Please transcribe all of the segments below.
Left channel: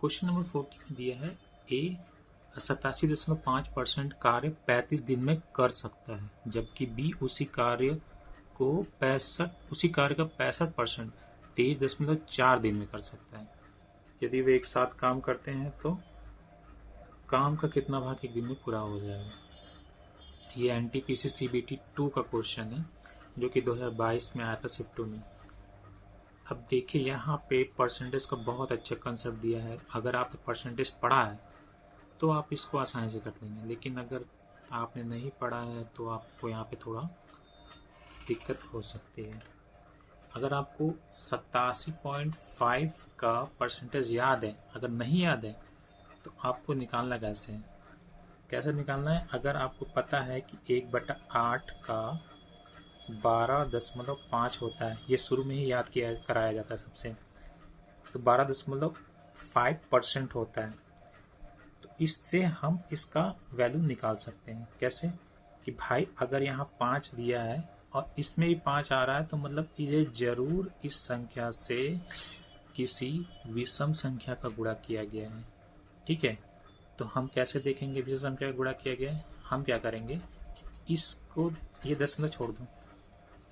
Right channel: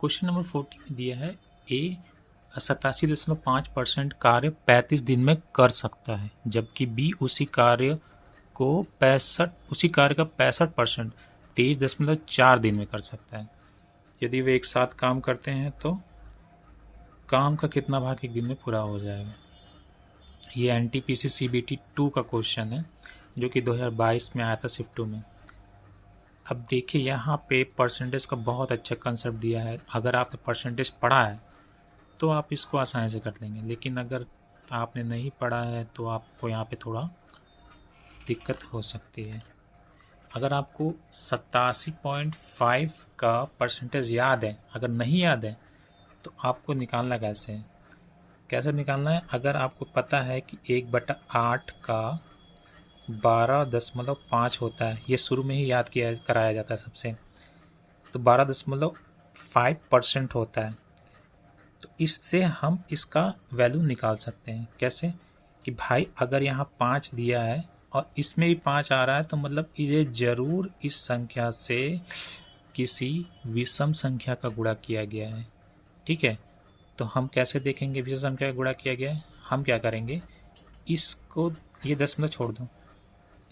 Question number 40 में दिया है ए 87.5% कार्य 35 दिन में कर सकता है, जबकि बी उसी कार्य का 65% 23.4 दिन में कर सकता है। यदि वे एक साथ काम करते हैं तो काम का कितना भाग एक दिन में पूरा हो जाएगा। ये एनटीपीसी सीबीटी 2 का क्वेश्चन है जो कि 2022 में आया था शिफ्ट 2 में। अब देखिए यहाँ पे परसेंटेज का बहुत अच्छा कंसेप्ट दिया है। अगर आपने परसेंटेज पढ़ा है तो आप इसको आसानी से कर लेंगे, लेकिन अगर आपने नहीं पढ़ा है तो आपको यहाँ पे थोड़ा दिक्कत हो सकती है। अगर आपको 87.5 का परसेंटेज याद है, अगर नहीं याद है तो आपको निकालना कैसे निकालना है। अगर आपको पता है कि 1/8 का 12.5 होता है, ये शुरू में ही याद किया कराया जाता है सबसे, तो 12.5% होता है। तो इससे हम इसका वैल्यू निकाल सकते हैं। कैसे कि भाई अगर यहाँ 5 दिया है और इसमें भी 5 आ रहा है तो मतलब ये ज़रूर इस संख्या से किसी विषम संख्या का गुणा किया गया है। ठीक है, तो हम कैसे देखेंगे विषम संख्या का गुणा किया गया है। हम क्या करेंगे, इसको ये 10 छोड़ दो,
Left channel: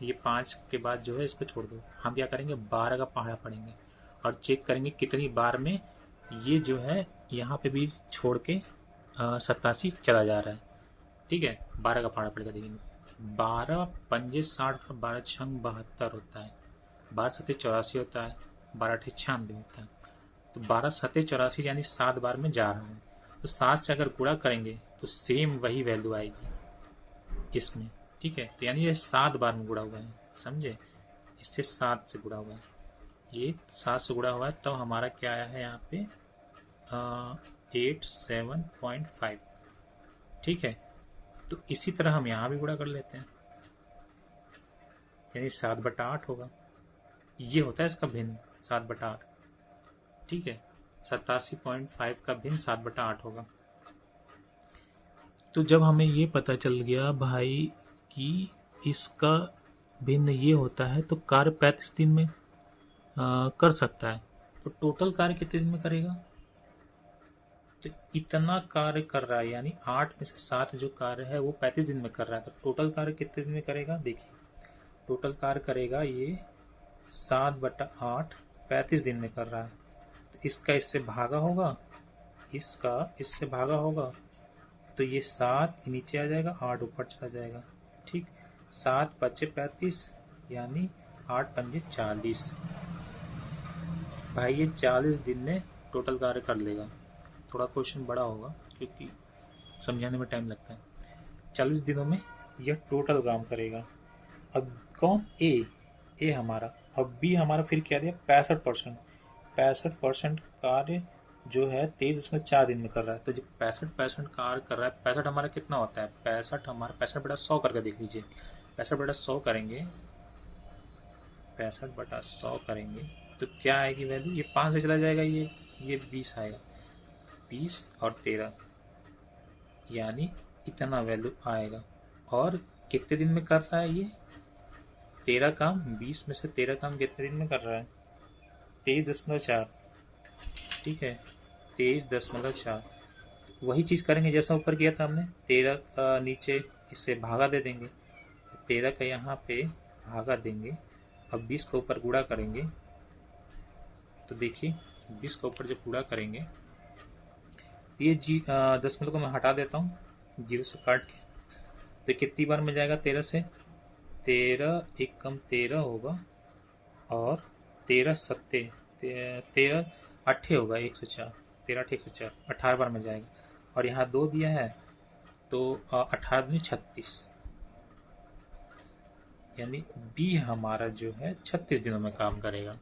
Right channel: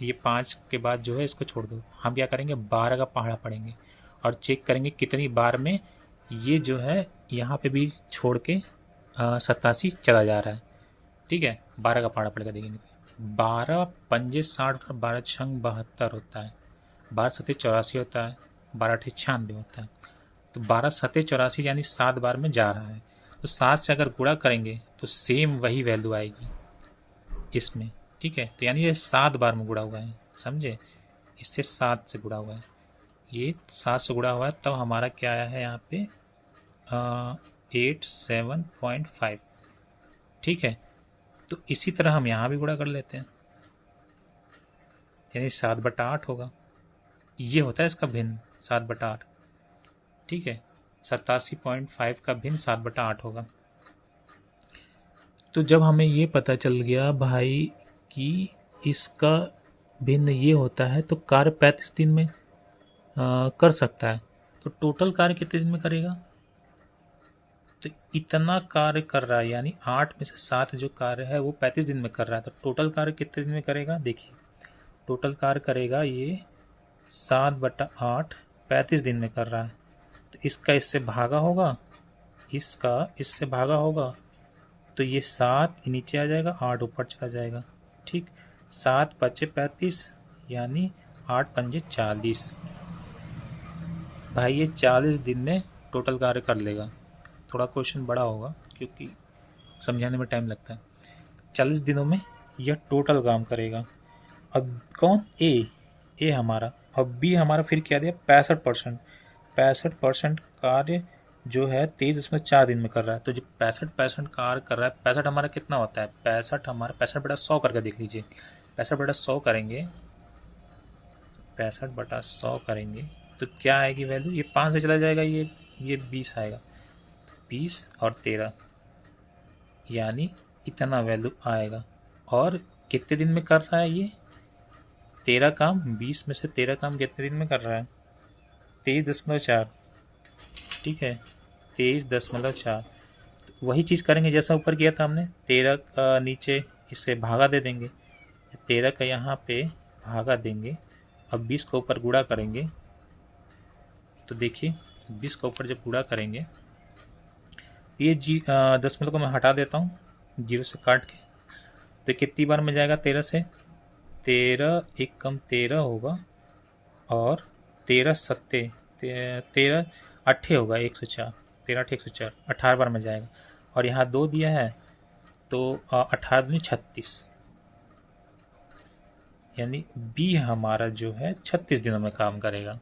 ये 5 के बाद जो है इसको छोड़ दो। हम क्या करेंगे, 12 का पहाड़ा पढ़ेंगे और चेक करेंगे कितनी बार में ये जो है यहाँ पे भी छोड़ के 87 चला जा रहा है। ठीक है, 12 का पहाड़ा पड़ के देखेंगे। 12×5 = 60, 12×6 = 72 होता है, 12×7 = 84 होता है, 12×8 = 96 होता है। तो 12×7 = 84 यानी 7 बार में जा रहा है। तो 7 से अगर गुणा करेंगे तो सेम वही वैल्यू आएगी इसमें। ठीक है, तो यानी ये 7 बार में गुणा हुआ है, समझे। इससे 7 से गुणा हुआ है, ये 7 से गुणा हुआ है, तब हमारा क्या आया है यहाँ पे 87.5। ठीक है, तो इसी तरह हम यहाँ भी गुणा कर लेते हैं, यानी 7/8 होगा। ये होता है इसका भिन्न 7/8। ठीक है, 87.5 का भिन्न 7/8 होगा। तो जब हमें ये पता चल गया भाई कि इसका भिन्न ये होता है तो कार्य 35 दिन में कर सकता है, तो टोटल कार्य कितने दिन में करेगा। तो इतना कार्य कर रहा है, यानी 8 में से 7 जो कार्य है वो 35 दिन में कर रहा है, तो टोटल कार्य कितने दिन में करेगा। देखिए टोटल कार्य करेगा ये 7/8 35 दिन में कर रहा है। तो इसका इससे भागा होगा, इसका इससे भागा होगा, तो ये 7 नीचे आ जाएगा, 8 ऊपर चला जाएगा। ठीक, 7×5 = 35 यानी 8×5 = 40। भाई ये 40 दिन में टोटल कार्य कर लेगा। थोड़ा क्वेश्चन बड़ा होगा क्योंकि समझाने में टाइम लगता है। 40 दिनों में यह टोटल काम करेगा। अब कौन, ए हमारा, अब बी हमारा फिर क्या दिया 65%। 65% कार्य जो है 23.4 दिन में कर रहा है। तो जो 65% कार्य कर रहा है, 65 हमारा कितना होता है, 65/100 करके देख लीजिए। 65/100 करेंगे, 65/100 करेंगे तो क्या आएगी वैल्यू, ये 5 से चला जाएगा, ये 20 आएगा, 20 और 13 यानी इतना वैल्यू आएगा। और कितने दिन में कर रहा है ये 13 काम, 20 में से 13 काम कितने दिन में कर रहा है 23.4। ठीक है, 23.4। वही चीज़ करेंगे जैसा ऊपर किया था हमने, 13 का नीचे इससे भागा दे देंगे, 13 का यहाँ पे भागा देंगे। अब 20 का ऊपर गुणा करेंगे, तो देखिए 20 का ऊपर जब गुणा करेंगे ये 10 को मैं हटा देता हूँ 0 से काट के, तो कितनी बार में जाएगा 13 से, 13 एक कम 13 होगा और 13 सत्ते 13 अट्ठे होगा 104, 13 अट्ठे 104, 18 बार में जाएगा। और यहाँ 2 दिया है तो 18 दूनी 36, यानी बी हमारा जो है 36 दिनों में काम करेगा।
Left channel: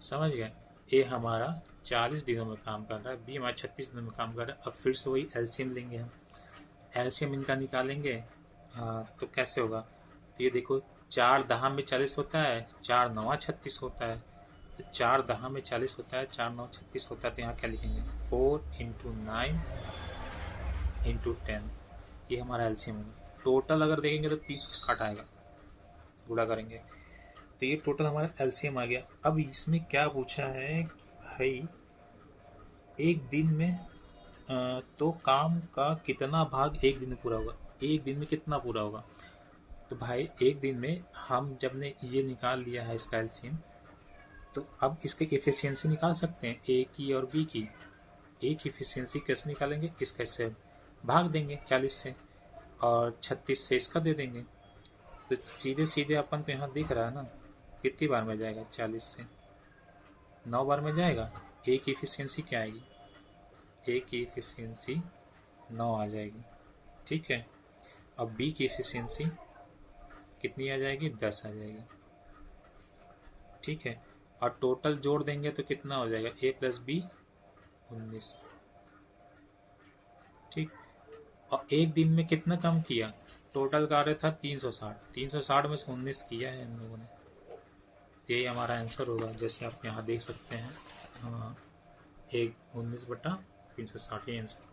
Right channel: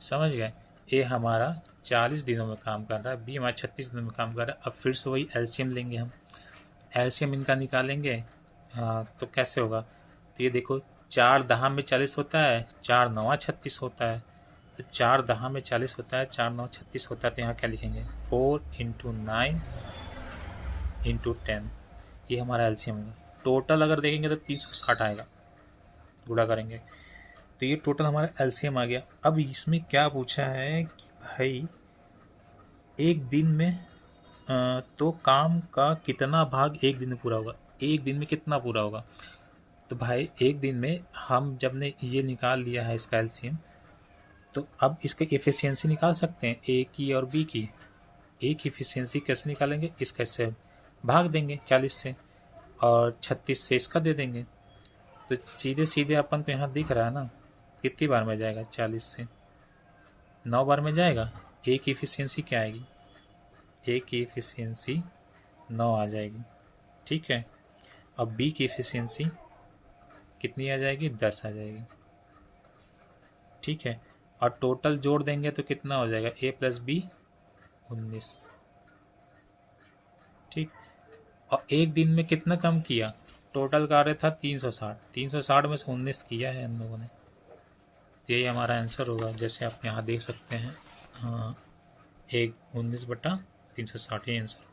समझ गए, ए हमारा 40 दिनों में काम कर रहा है, बी हमारा 36 दिनों में काम कर रहा है। अब फिर से वही एलसीएम लेंगे हम, एलसीएम इनका निकालेंगे। तो कैसे होगा, तो ये देखो 4×10 में 40 होता है, 4×9 = 36 होता है, तो 4×10 में 40 होता है, 4×9 = 36 होता है। तो यहाँ क्या लिखेंगे 4 × 9 × 10, ये हमारा एलसीएम होगा। टोटल अगर देखेंगे तो 360 आएगा, गुणा करेंगे तो ये टोटल हमारा एलसीएम आ गया। अब इसमें क्या पूछा है कि भाई एक दिन में तो काम का कितना भाग एक दिन में पूरा होगा, एक दिन में कितना पूरा होगा। तो भाई एक दिन में हम जब ने ये निकाल लिया है इसका एलसीएम, तो अब इसका एफिशिएंसी निकाल सकते हैं ए की और बी की। ए की एफिशिएंसी कैसे निकालेंगे, इसका इससे भाग देंगे 40 से, और 36 से इसका दे देंगे। तो सीधे सीधे अपन को यहाँ दिख रहा है ना कितनी बार में जाएगा, 40 से 9 बार में जाएगा। ए की एफिशिएंसी क्या आएगी, ए की एफिशिएंसी 9 आ जाएगी, ठीक है। अब बी की एफिशिएंसी कितनी आ जाएगी, 10 आ जाएगी, ठीक है। और टोटल जोड़ देंगे तो कितना हो जाएगा, ए प्लस बी 19, ठीक। और एक दिन में कितना कम किया, टोटल कार्य था 360, 360 में से 19 किया है हम लोगों ने। तो यही हमारा आंसर होगा, जैसे आप यहाँ देख सकते हैं। हाँ, एक 19/360 ये आंसर।